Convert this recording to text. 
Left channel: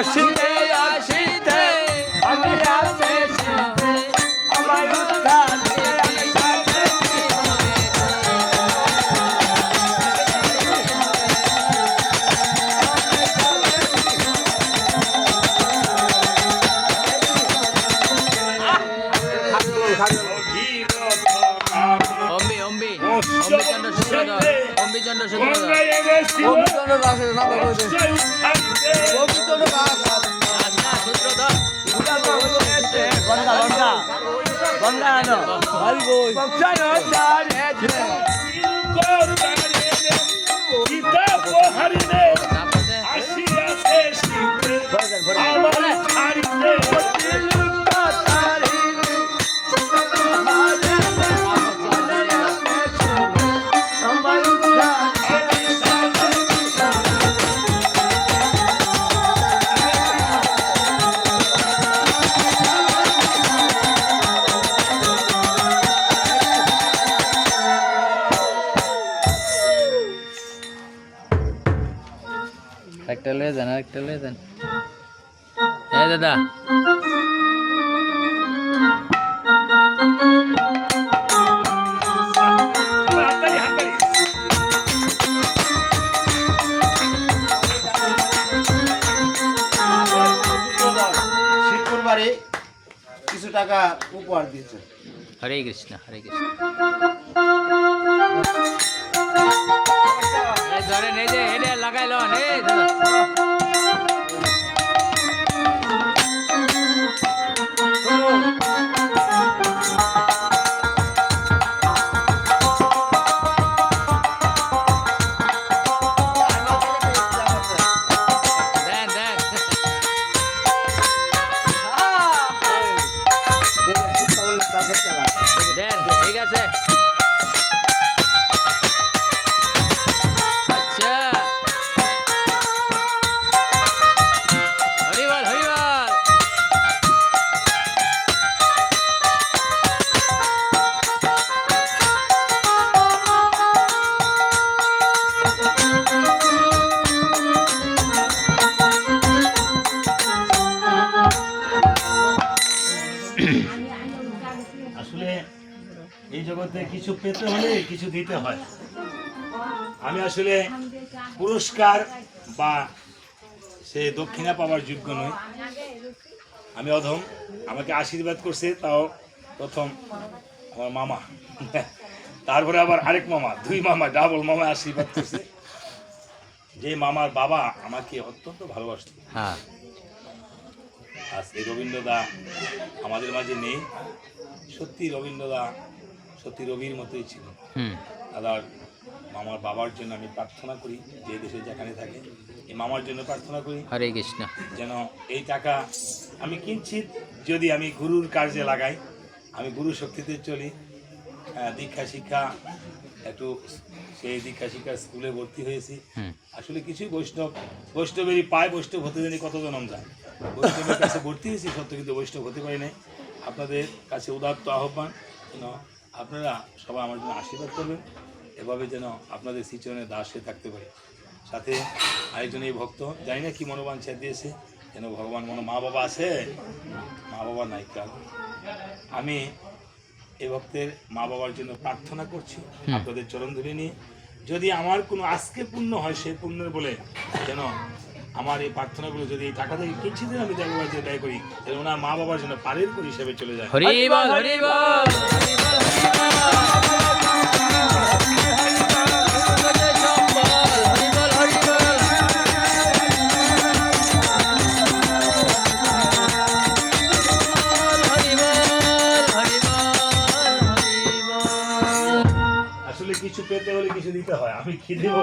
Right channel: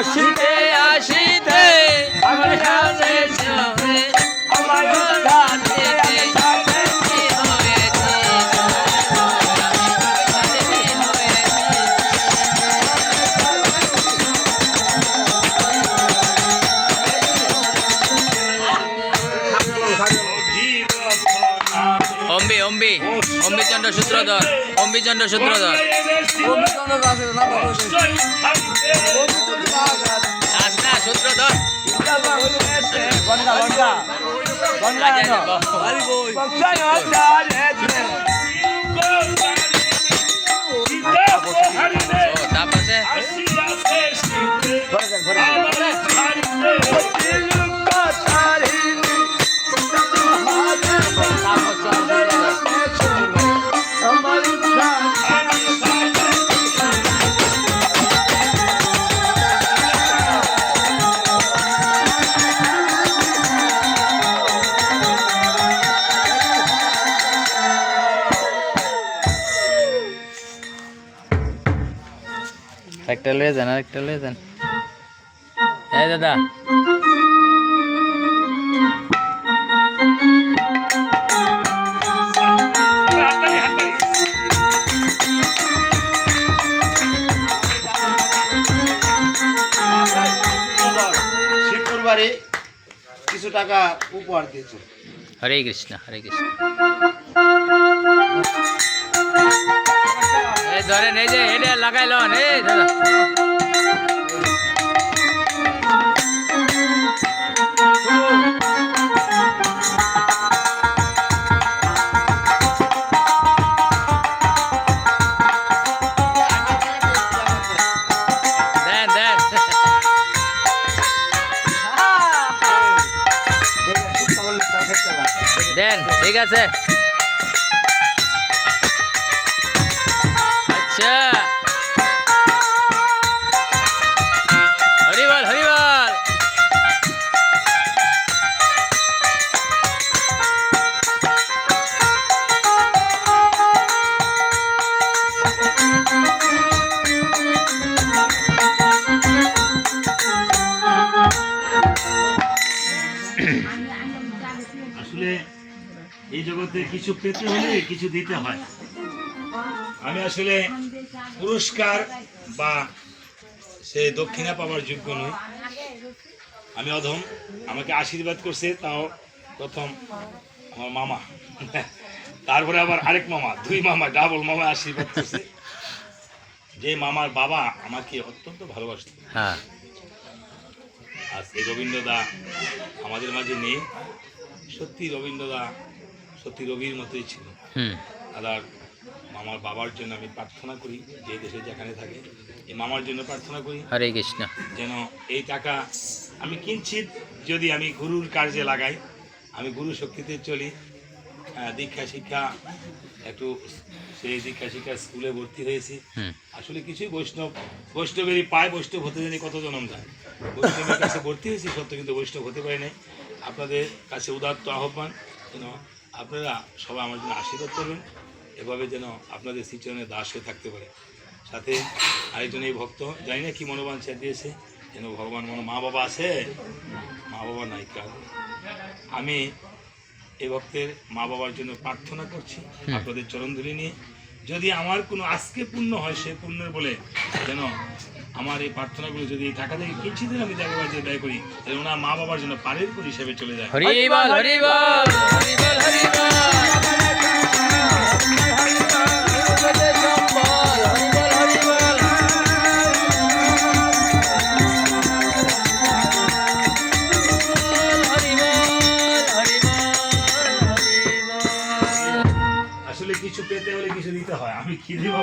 আসিতে আসিতে আমার কাছে চলে আমার উদ্ধারে সাথে কি হয়েছে অম্বি অম্বি অম্বিচন্দ্র সূত্রধর অম্বিচন্দ্র সূত্রধর না সূত্রধর বনগা বনগা বনগা তারপরে একটা লয়ে যান একটা লয়ে যান এই দাদা শুক্রবারে কিছু টাকা উপহার দিয়েছে। হরে কৃষ্ণ হরে কৃষ্ণ এই ধরেন এই যে এটা লাগাইল এই দাদা দেন দেন দেন ঠিক আছে আচ্ছা হরিবল হরিবল আসলে এই জগতে কিছু পেতে হলে কিছু দিতে হয়। আমি আসলে পুরস্কার বা সে দক্ষিণা পাওয়ার যোগ্য নই, আমি অধম। আমাকে আশীর্বাদ করছে তাও প্রথম আমার মামা, তারপরে আবার আরেক মামা, দুই মামা, ডাবল মামা আশীর্বাদ করছে। যে মামার বাবা আমাকে অত্যন্ত ভালোবাসত। হ্যাঁ আজ এই রবীন্দ্রদা আমাদের মাঝে নেই। সত্যি রবীন্দ্রদা সত্যি রবির মতোই ছিল। আর মামার বাবার জন্য আমি প্রার্থনা করি, যে দেশে যেখানে থাকি এই মামার জন্য প্রার্থনা করি হরে কৃষ্ণ যেন এই টাকা আমি কিঞ্চিত যদি আমি গুরুর কার্যে লাগাই, আমি গুরু শক্তিতে চলি, দীক্ষা শিক্ষা একটু সেই দীক্ষা শিক্ষা স্কুলে ভর্তি হয়েছি। আসলে কিছুই বৈষ্ণবেরই পায়, বৈষ্ণব হতে জানি কত জনম যায়। বৈষ্ণবের কাছে ভর্তি হয়েছি সত্য, কিন্তু বৈষ্ণব হতে পারি নাই। আপনাদের কাছে উদাত্ত আহ্বান যেন আপনারা সবাই আমার জন্য আশীর্বাদ করবেন, এভাবে যেন আপনাদের শ্রীচরণের দাস হয়ে থাকতে পারে। সাথে আরেকজন এই ভক্ত জানি না কি মনোবাঞ্ছা দিয়েছে, যেন ভগবান মা বাবা আছে, মা বাবা নাই কাল। আমি এই ভক্তের মা বাবার জন্য প্রার্থনা করছি আপনাদের চরণধুলি নিয়ে। যদি আমার কোনো আজকে পুণ্য হয়, সে পুণ্যের বলে যেন আমার এই প্রার্থনাগুলো যদি এই টাকা থেকে কিঞ্চিত আমি দেববাড়িতে ব্যয় করি, যেন ওনার মা বাবার জন্য পারের করে হিসেবে চলে যায়। হরিবল হরিবল হরিবল হরিবল।